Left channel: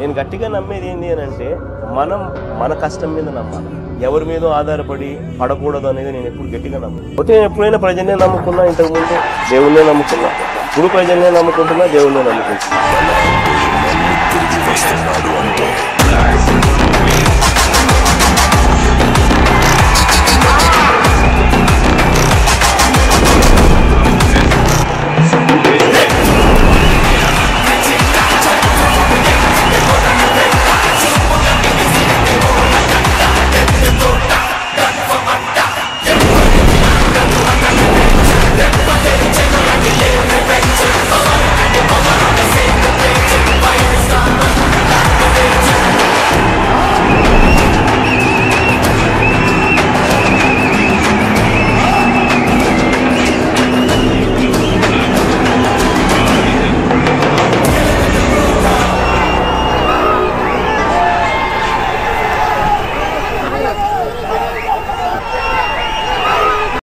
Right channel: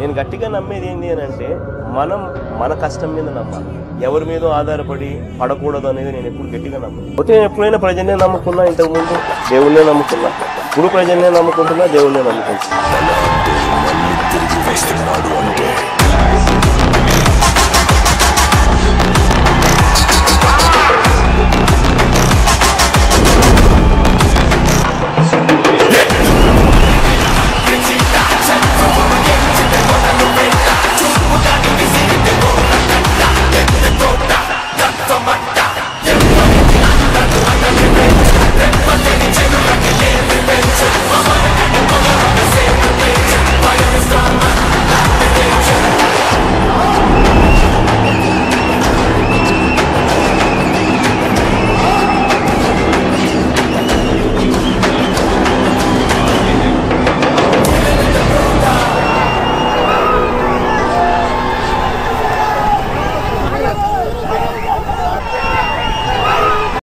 నేను గట్టిగా నమ్మేది ఏంటి అని అంటే మన కష్టం మీద నమ్మాలి, ఎవరి మీద ఆధారపడి పడకూడదు అనేది నేను ఎప్పుడు గట్టిగా నమ్మాను. పోతే నేను ఎప్పుడైనా ప్రజల్నే నమ్ముకున్నా, ఇంతకుముందు దేవుళ్ళే నమ్ముకున్నా, ఇప్పుడు ప్రజల్నే నమ్ముకుంటున్నా, దేవుళ్ళే నమ్ముకుంటున్నా.